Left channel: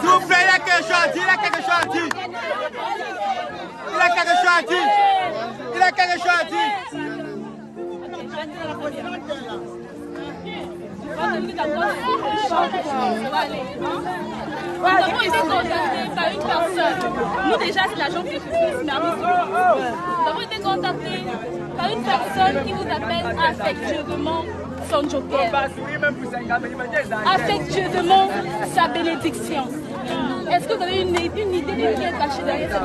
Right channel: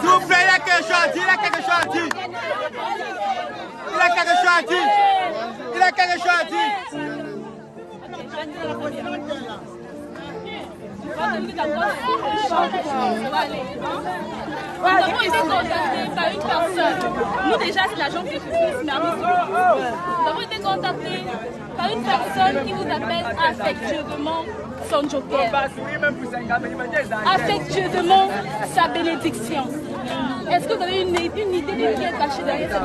S'il vous plaît, il a quelque chose à dire, il a quelque chose à dire. Il a quelque chose à dire. Il a quelque chose à dire. Nous avons été contactés par une personne. Nous déjà c'est l'agent de justice, mais nous avons été contactés par une personne qui vous appelle affectueusement son joker. Affectueusement sa bénédiction. Est-ce que vous avez une idée de qui est caché derrière cette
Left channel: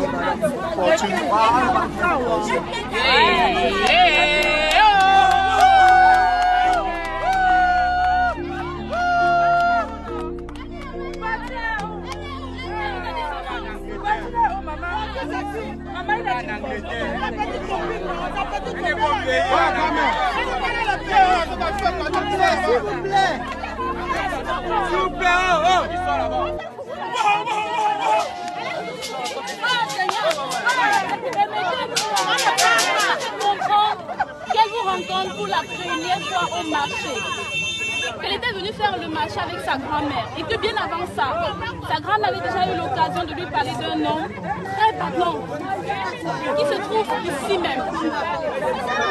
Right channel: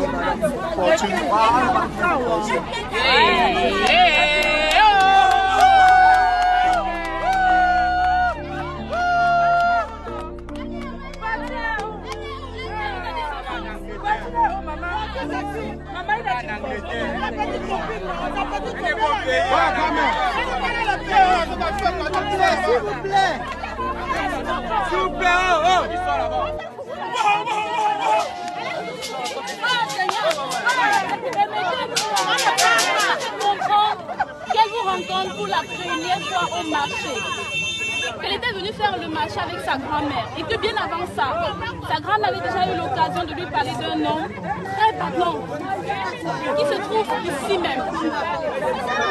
S'il vous plaît. S'il vous plaît. Qu'elle vous rencontre pour la première fois au marché. Elle était venue faire le marché avec sa grand-mère et que bien avant ça, sa grand-mère avait déjà eu l'occasion de lui parler d'un homme très parlant qui se trouve ici même.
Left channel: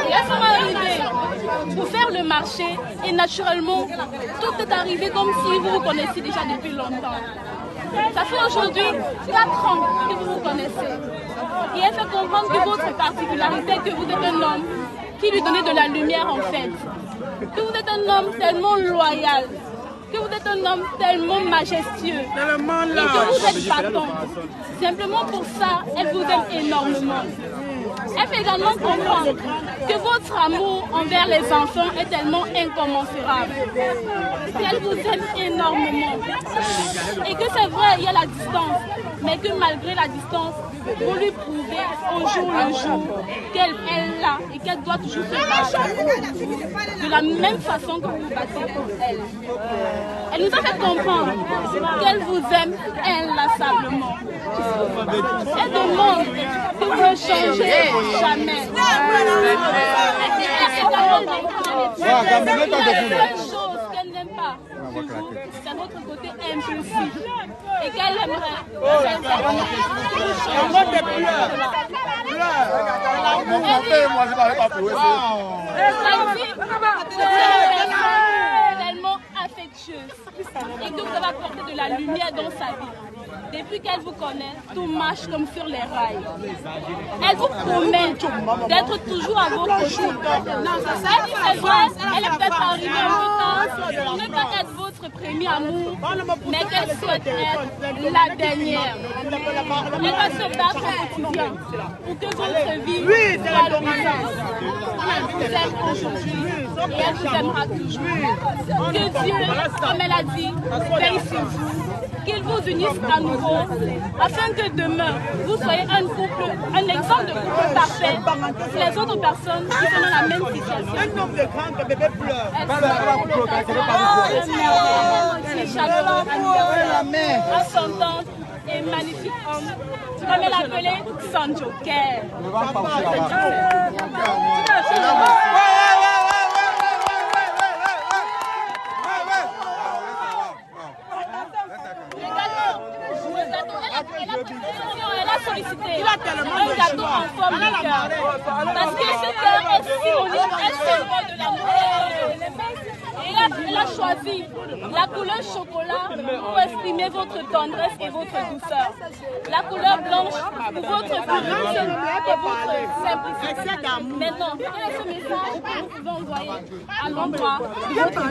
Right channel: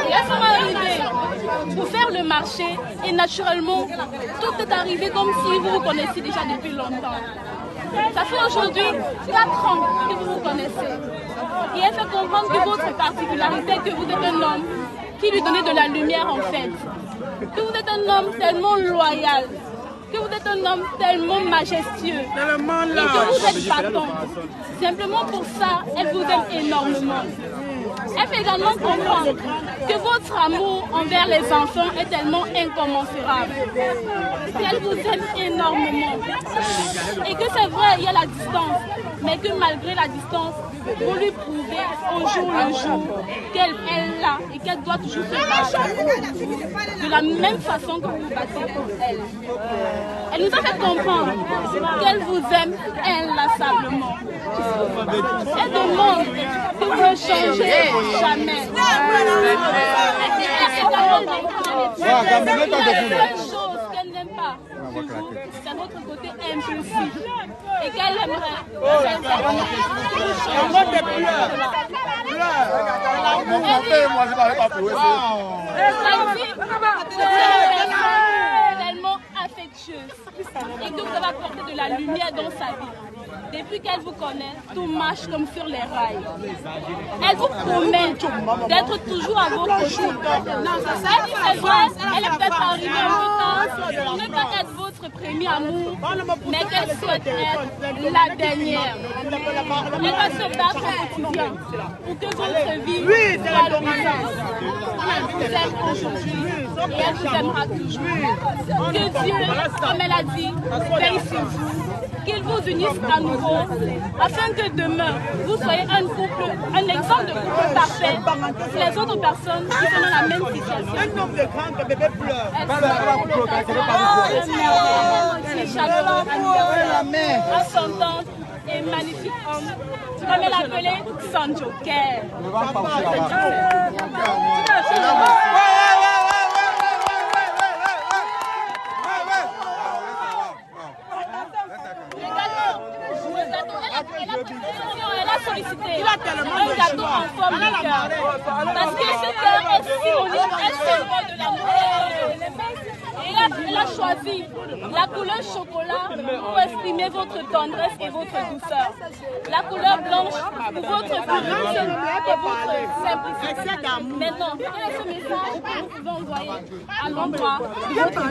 Et elles sont arrivées pour faire le marché et naturellement, tout est arrivé comme si vous vous connaissiez déjà depuis longtemps. Ça fait aujourd'hui 4 ans que vous vous connaissez. Et elle fait comprendre que votre particularité est que vous êtes un homme qui lui donnait de la lumière en fait. Que vous êtes un homme tellement loyal, que vous êtes un homme tellement majestueux et que vous êtes battant. Simplement pour ça, elle vous aime énormément. Elle fait également comprendre que votre amour envers les enfants est tellement incommensurable, qu'elle vous aime énormément et que c'est vrai, il y a la distance, mais que malgré la distance, vous lui prouvez au jour le jour qu'elle est là et qu'elle doit toujours se battre de la même façon que vous vous battez pour elle. Elle nous a fait comprendre qu'elle vous aime inlassablement. Elle demande que vous ne changez jamais. La seule chose qu'elle n'aime pas, c'est votre côté impulsif. Et qu'elle aimerait tellement affectueuse et que vous avez apporté de la lumière dans sa vie. Depuis qu'elle vous connaît, tout marche comme sur les rails. Elle vous promet d'être toujours à vos côtés. Elle dit c'est vrai, elle est peut-être arrivée un peu tard, pour ne pas être votre premier amour, mais qu'elle souhaite être la dernière. Elle va se battre au quotidien pour que votre vie soit luisante. Elle vous aime aujourd'hui et elle vous aimera toujours. Que Dieu, comme elle a dit, veille sur vous. Qu'il vous unisse à nouveau, afin que demain, vous soyez un couple, un exemple de couple parfait pour les autres personnes qui sont dans la même situation. Un homme de grand bébé pleure. À son tendre et magnifique homme, comme elle appelait son joker. Elle a sollicité un gâteau en forme de cœur. Parce que ce cœur est synonyme, est symbole de l'amour. Et elle a choisi la couleur chocolat pour exprimer votre tendresse et votre douceur. La couleur blanche pour votre pureté et votre simplicité. Maintenant, quel est ce message que vous pouvez envoyer à l'endroit de votre